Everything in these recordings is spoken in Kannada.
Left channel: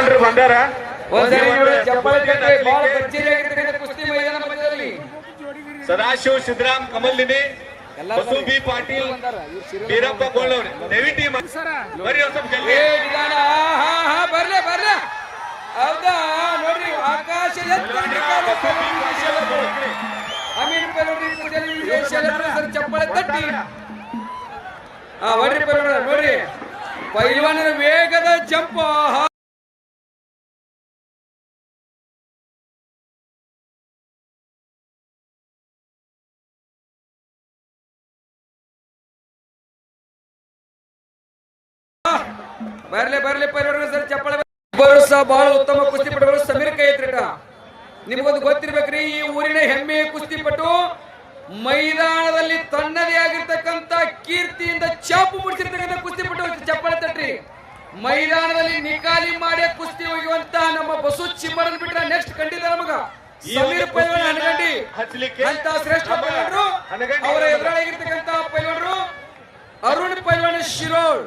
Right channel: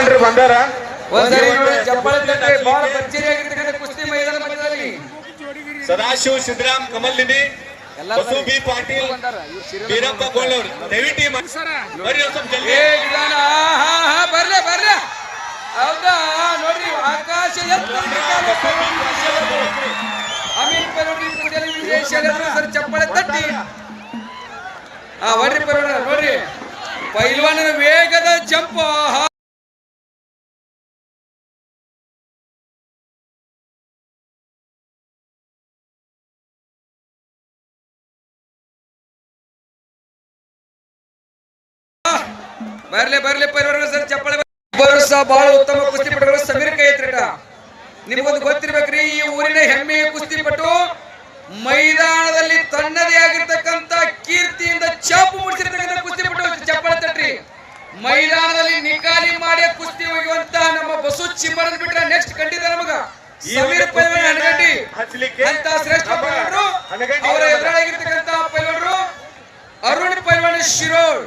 ಪೈಲ್ವಾನ್ರು ಬಂದಾರ ಒಂದ್ಸರಿ ನೋಡಿ ಚಪ್ಪಾಳೆ ತಂದ್ರೆ ಬಹಳ ಭರ್ಜರಿ ಆಗಿರ್ತಕ್ಕಂಥ ಕುಸ್ತಿ ಮೈದಾನ ಮಧ್ಯದಲ್ಲಿ. ಸದಾಶಿವ ಸಿದ್ದರಾಮ್ ಕಮಲ್ ಬಸು ಬಿ ಪಾಟೀಲ್ ಬಂದಾರ. ಇವ್ರು serial ವೀರಪ್ಪ ಗೋಳವ್ರು ದಯವಿಟ್ಟು ಈ ಬರ್ರಿ ಒಂದ್ ಸ್ವಲ್ಪ ಜಲ್ದಿ. ಏ ನಿಧಾನ. ಹಾ ಹಾ ಬರ್ಲೆ ಬರ್ಲೆ ಹೌದಾ? ನೋಡ್ರಿ ಆಕಾಶ ಕಾಲು ಶೆಲರು. ಅಮೀನ್ ಸರ್ ಚಪ್ಪಾಳೆ ತಟ್ಟಿ. ಹಾ ಬರ್ರಿ ಬರೋಣ ನೋಡ್ರಿ. ಪೈಲ್ವಾನನ ವೇಗದ ಜಂಪ್. ಬರ್ಲಿ ಬರ್ಲಿ ಪರಿವರ್ಗ ಸರ್ ಚಪ್ಪಳ ಇಬ್ಬರು ಸಹ ಬಹಳ ಉತ್ತಮ ಕುಸ್ತಿಪಟುಗಳು ಸಮೀರ್ ಕೈ ಐತ್ರಿಟ ನಿಮಗೊಂದು ಗೊತ್ತಿರ್ಬೇಕ್ರಿ ಈ ಊರಿನ ಹೆಮ್ಮೆಯ ಕುಸ್ತಿಪಟು ಮೈದಾನದಲ್ಲಿ ತನ್ನದೇ ಆಗಿರ್ತಕ್ಕಂತ ಕೀರ್ತಿಯಿಂದ ಚಾಪು ಮುಡಿಸಿರ್ತಕ್ಕಂಥ ಕುಸ್ತಿಪಟು ಚಪ್ಪಳ ತಟ್ರಿ. ಮೈದಾನದಲ್ಲಿ ನಿಕಾಲಿ ಮಾಡಿ ಕುಸ್ತಿ ಹೋಗುವಂತ ನಮ್ಮ ಬಸು ಚಿಮ್ಮರನ್ ಬಿಟ್ರೆ ನೆಕ್ಸ್ಟ್ ಖಂಡಿತ ನಮಗ. ಸಮೀರ್ ಪೈಲ್ವಾನ್ ಹಣಗಂಡಿ. ಅಂತ ಶ್ರೇಷ್ಠ ಪೈಲ್ವಾನರು ಅವರ ಎದುರಾಗಿರ್ತಕ್ಕಂತ ಪೈಲ್ವಾನರು ಅರುಣ್ ಪೈಲ್ವಾನ್ ಶಿರೋಳ್.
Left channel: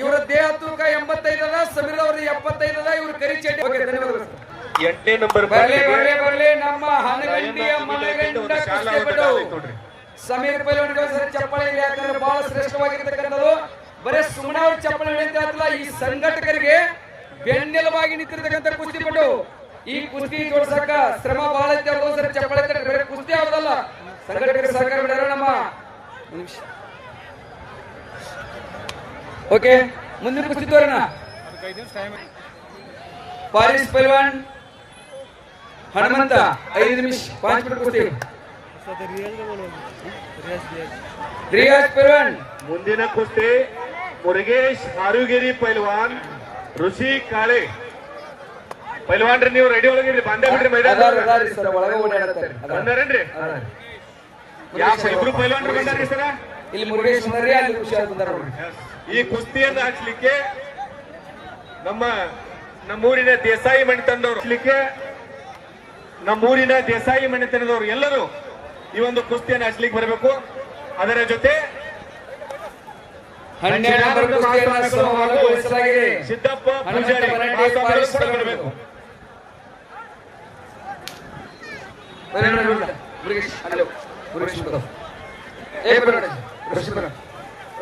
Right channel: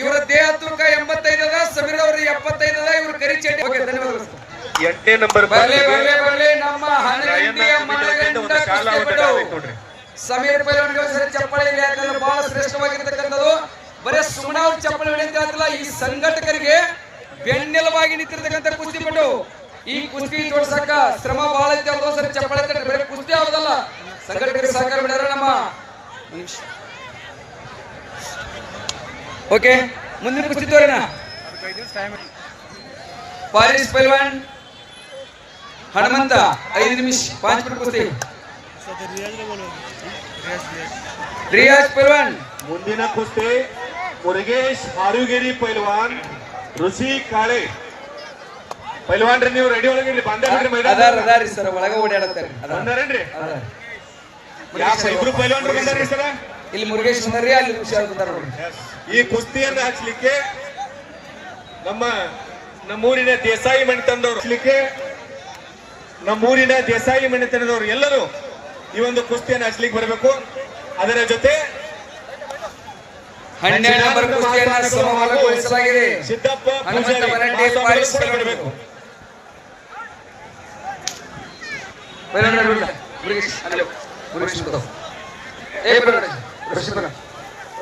ಇವರ ದೇಹ ತೂಕ ಎಂಬತ್ತೈದು ಅದ ಸಮೀರ್ ಅವ್ರ ಎಪ್ಪತ್ತೈದು ಇವ್ರ ಕರಿ ಚಡ್ಡಿ. ಓಕೆ ಧನ್ಯವಾದಗಳು ಎಂಟನೇ ನಂಬರ್ ಬರ್ಲಿ ಬರ್ಲಿ ಬರ್ಲಿ ನಮ್ಮ ಹನಗಂಡಿಯ ಮನಗಂಡ ಕುಸ್ತಿಪಟು. ಸಮೀರ್ ಪೈಲವನಿಗೆ ಸರಿ ಚಪ್ಪಳಿ ಇಲ್ಲಿ ಯಾಕಂದ್ರೆ ಬಹಳ ಶ್ರೇಷ್ಠವಾಗಿರ್ತಕ್ಕಂಥದ್ದು. ಬರೇ ಸುಮ್ಮನೆ ಅವ್ರ ಚಪ್ಪಳಿ ಹೊಡಿ ಅಂತ ಹೇಳ್ತಿಲ್ಲ ಈ ಸಂಘಟಕರಿಗೆ ಬೆನ್ನೆಲುಬಾಗಿ ನಿಂತಿರ್ತಕ್ಕಂಥ ಕುಸ್ತಿಪಟು. ಈ ಕುಸ್ತಿ ಜೋಡಿಸಕ ಶ್ರಮ ಬಹಳ ಐತೆ ಅವ್ರು ಸರಿ ಚಪ್ಪಾಳೆ ಬರೀ ಕುಸ್ತಿ ಆಗುದಲ್ಲ ಸಂಘಟಕರಿಗೆ ಸಹಕಾರ ಮಾಡ್ಯಾರ ನಮ್ಮ. ಓಕೆ ಮುಂದಿನ ಕುಸ್ತಿ ತೋರಿನ? ಪಾರಿಸ್ ಪೈಲ್ವಾನ್ ಹನುಮಂತ ಐದು ನಿಮಿಷ ಪಾಂಚ್ ಮಿನಿಟ್ ಕುಸ್ತಿ ರಿಯಾಜ್ ಪೈಲ್ವಾನ್. ಮುಂದಿನ ಕುಸ್ತಿ ಮುರುಗೇಶ್ ಹಾರುಗೇರಿ ಪೈಲ್ವಾನ್ ಋಷಿ ಕಾಳೆ. ಪೈಲ್ವಾನ್ರಿ ನೀವು ರೆಡಿ ಒಳಗಿಡ್ರಿ ಬಂದ್ರಿ ಅದಾರ ಅದಾರಿ ಸರ್ ಒಳಗ ಓಡಾಡತ್ತಾರೆ ಅದಾರೇನ್ರಿ ಅದಾರ. ಯಾವ ಇಬ್ರು ಪೈಲ್ವಾನ್ರು ಬಂದಾರ್ರಿ ಸರ ಇಲ್ಲಿ ಮುರುಗೇಶ್ ಬಂದಾರಿ ಅಲ್ಲಿ ಹುಷಾರ್ ಬಂದಾರ ಈ ಕುಸ್ತಿಯನ್ನು ಹಾಕ್ಸ್ಲಿಕ್ಕೆ ನಮ್ಮ ನಮ್ಮೂರಿನ ದೇಸಾಯಿ ಮಣಿತನದವರು ಹಾಕ್ಲಿಕ್ಕೆ ನಮ್ಮೂರಿನ ದೇಸಾಯಿ ಮಣಿತನದವರು ಎಲ್ಲರೂ ಈ ಒಂದು ಕುಸ್ತಿಯನ್ನು ಹಾಕ್ಲಿಕ್ಕೆ ಬರಬೇಕು. ಅದರ ಜೊತೆ ಸಿದ್ದಪ್ಪ ಪೂಜಾರಿ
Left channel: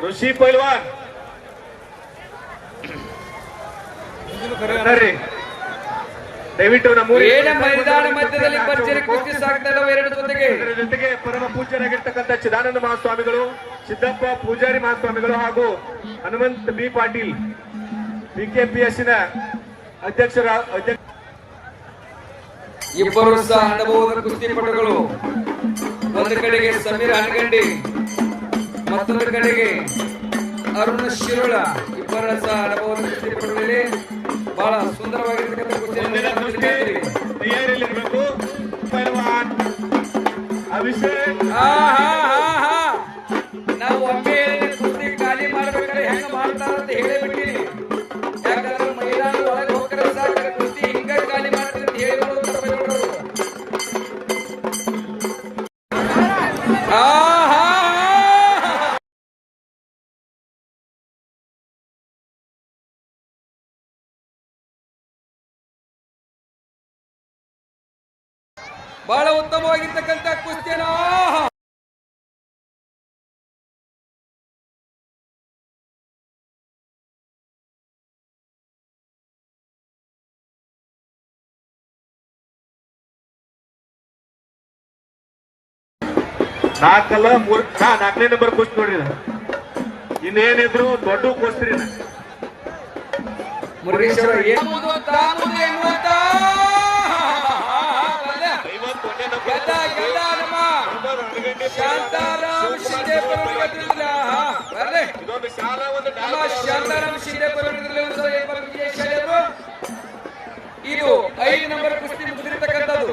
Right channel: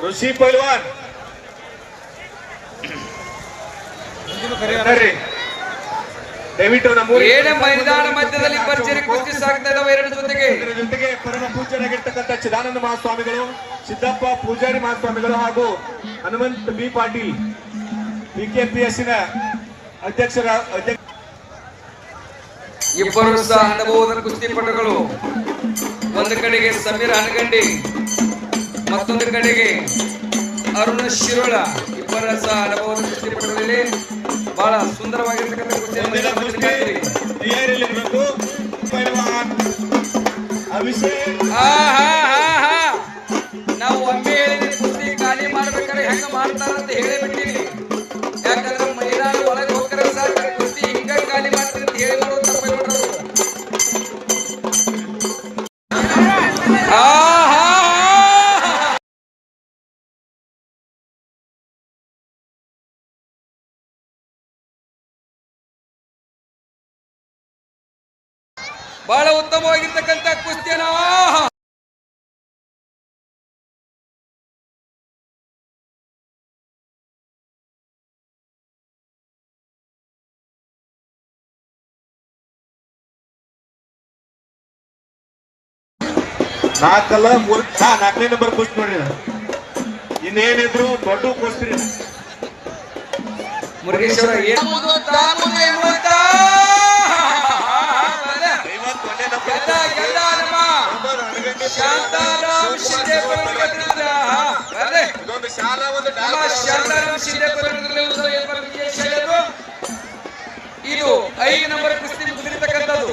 ಋಷಿ ಪೈಲ್ವಾನ್ ದಯವಿಟ್ಟು ನಮ್ಮ ಏನ ಮೈದಾನ ಮಧ್ಯದಲ್ಲಿ ಭರ್ಜರಿ ಕುಸ್ತಿ ಸಾಕ್ತಾ ಇದಾವೆ ಎರಡು ಜೊತೆಗೆ ಜೊತೆಗೆ ಪರಮ ಪೂಜ್ಯರಾಗಿರ್ತಕ್ಕಂಥ ಚಿದಾನಂದ ಮಹಾಸ್ವಾಮಿಗಳು ಸಿದ್ದಪ್ಪ ಪೂಜಾರಿ ಮಹಾಸ್ವಾಮಿಗಳು ಹಾಗೂ ಹನುಮಂತ ಬಿ ಪಾಟೀಲ್ ಬಿಕೆಪಿಎಸ್ಸಿನ ಅಧ್ಯಕ್ಷರ ಅಧ್ಯಕ್ಷ ಇಬ್ಬರು ಸಹ ಅನುಭವದ ಕುಸ್ತಿಪಟುಗಳು ಒಂದು ಕಡೆಗೆ ಸಮೀರ್ ಹನಗಂಡಿ ಮತ್ತೊಂದು ಕಡೆಗೆ ಅರುಣ ಶಿರೋಳ. ಇಬ್ಬರ ಸಹ ಅನುಭವದ ಕುಸ್ತಿಪಟುಗಳಲ್ಲಿ ಬಹಳ ಸುಂದರವಾಗಿರ್ತಕ್ಕಂಥ ಕುಸ್ತಿಯನ್ನು. ನಾವು ಒಮ್ಮೆ ಕುಸ್ತಿ ಖಾಲಿ ಮಾಡ್ಬೇಕಾದ್ರೆ ಹೆಂಗ ಮಾಡ್ತಾರ ಅಂತ ಆ, ಹಾ, ಹಾ. ಬಹಳ ಉತ್ತಮವಾಗಿರ್ತಕ್ಕಂಥ ಕುಸ್ತಿಯನ್ನ ನಾಲ್ಕಲ್ಲ ಮೂರ್ ನಾ ನಾಲ್ಕನೇ ನಂಬರ್ ಕುಸ್ತಿ ನೋಡ್ರಿ ಇನ್ನೇನಿದ್ರು ದೊಡ್ಡ ಕುಸ್ತಿ ಮುರುಗೇಶ್ವರ ಶಾಂತಾರಾಮ್ ನಮ್ಮ ಶಾಂತಾರಾಮ್ ಶಿಂದೆ ಇದು ಐದು ನಂಬರ್ ಕುಸ್ತಿ ಮುಗಿದಿರ್ತಕ್ಕಂಥದ್ದು.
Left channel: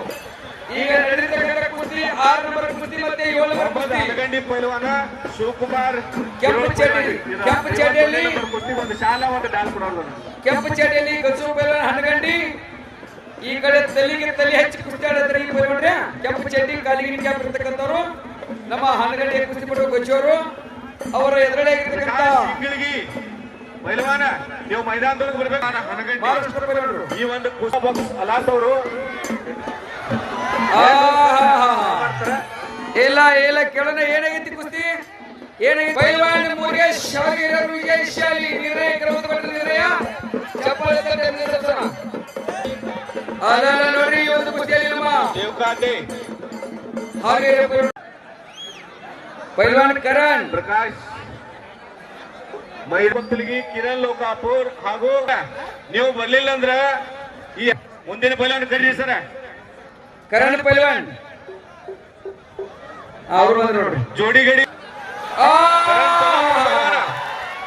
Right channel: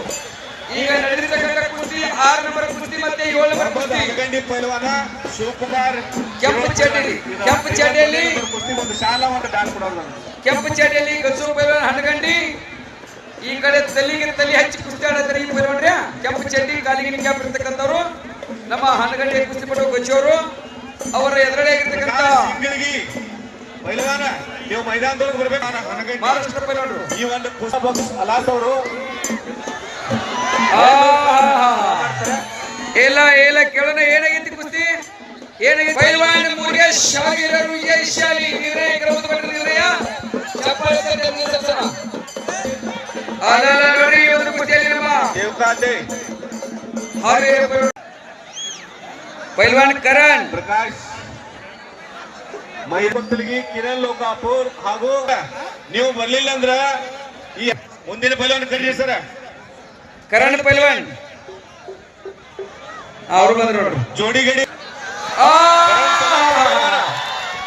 ಈಗ ನಡೆದಿರ್ತಕ್ಕಂಥ ಕುಸ್ತಿ ಆರು ನಂಬರ್ ಕುಸ್ತಿ ಮತ್ತೆ ಏಳು ನಂಬರ್ ಕುಸ್ತಿ ಹನಗಂಡಿ ಕೆಂಪು ಚಡ್ಡಿ ಕೆಂಪು ಕುಸ್ತಿ ಡಾಲ್ ಕೆಂಪು ಚಡ್ಡಿಯಲ್ಲಿ ಗಸು ಪೈಲ್ವಾನ್ ಹಣಗಂಡಿ ಈ ಕಡೆ ತಲೆಗೆ ತಲೆ ಹಚ್ಚಿ ಕುಸ್ತಿ ಆಡತ್ತಾರೆ ಈ ಪೈಲ್ವಾನ್ರಿ ಕೆಂಪು ಚಡ್ಡಿ ಕಾಲಿಗೆ ಕ್ಯಾಪ್ ಇರ್ತಕ್ಕಂಥವ್ರು ನಮ್ಮ ಹಣಗಂಡಿ ಕುಸ್ತಿ ಪಟ್ಟು ಗಚ್ಚೋರು ಅವರ ಎದುರುಗಡೆ ಇರ್ತಕ್ಕಂಥ ನೀವು ಮೈದಾನದೊಳಗೆ ಬರ್ಬೇಕು ಹನಗಂಡಿ ಮಹಾರಾಷ್ಟ್ರ ಪೈಲವಾನರು. ಈ ಒಂದು ಪುಸ್ತಕ ಅಲಾಸ್ ಅವರು ಆಹಾಹಾ. ಇಲ್ಲ ಇಲ್ಲ ಕೇಳೋಣ ಏನಾಗೈತಿ ಕುಸ್ತಿ? ಏನಾಗೈತಿ? ಪೈಲ್ವಾನ್ ಮುರುಗೇಶ್ ಶಾಗಿರರು ವಿಜಯಶಾಲಿ ನಿರ್ಣಯ ಕ್ರಮದ ನಿರ್ಣಯ. ಅಲ್ಲ ನೋಡ್ರಿ ಇವತ್ತು ಕುಸ್ತಿಯಲ್ಲಿ ನಮ್ಮ ಪೈಲ್ವಾನ್- ಕರಣ್. ಪ್ರಕಾಶ್ ಮೈದೊತ್ತಲಿಗಿ ಕಿರಣ್ ಲೋಕಾಪುರ್ ಹಾಗೂ ನೀವು ಬರ್ಲಿಲ್ಲ ಅಂದ್ರ ಈ ಮುಂದಿನ ಪೈಲ್ವಾನ್ ಕರೀರಿ ಸರ್. ಕರಣ್ ಪೈಲ್ವಾನ್. ಅವರು ಬಂದ್ರು ನೋಡ್ರಿ. ಜೋಡಿ ಗಡಿ.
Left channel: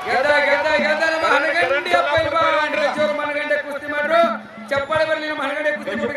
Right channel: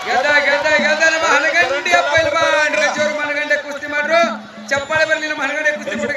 ಗೆದ್ದ ಗೆದ್ದ ಗೆದ್ದ ನಮ್ಮ ಹನಗಂಡಿಯ ಪೈಲ್ವಾನ್ ಗಜೋರ್ ಮನಗಂಡೆ ಕುಸ್ತಿ ಮಾಡ್ರು. ಚಪ್ಪಾಳೆ ಬರಲಿ ನಮ್ಮ ಹನಗಂಡೆ ಕುಸ್ತಿ ಪಟು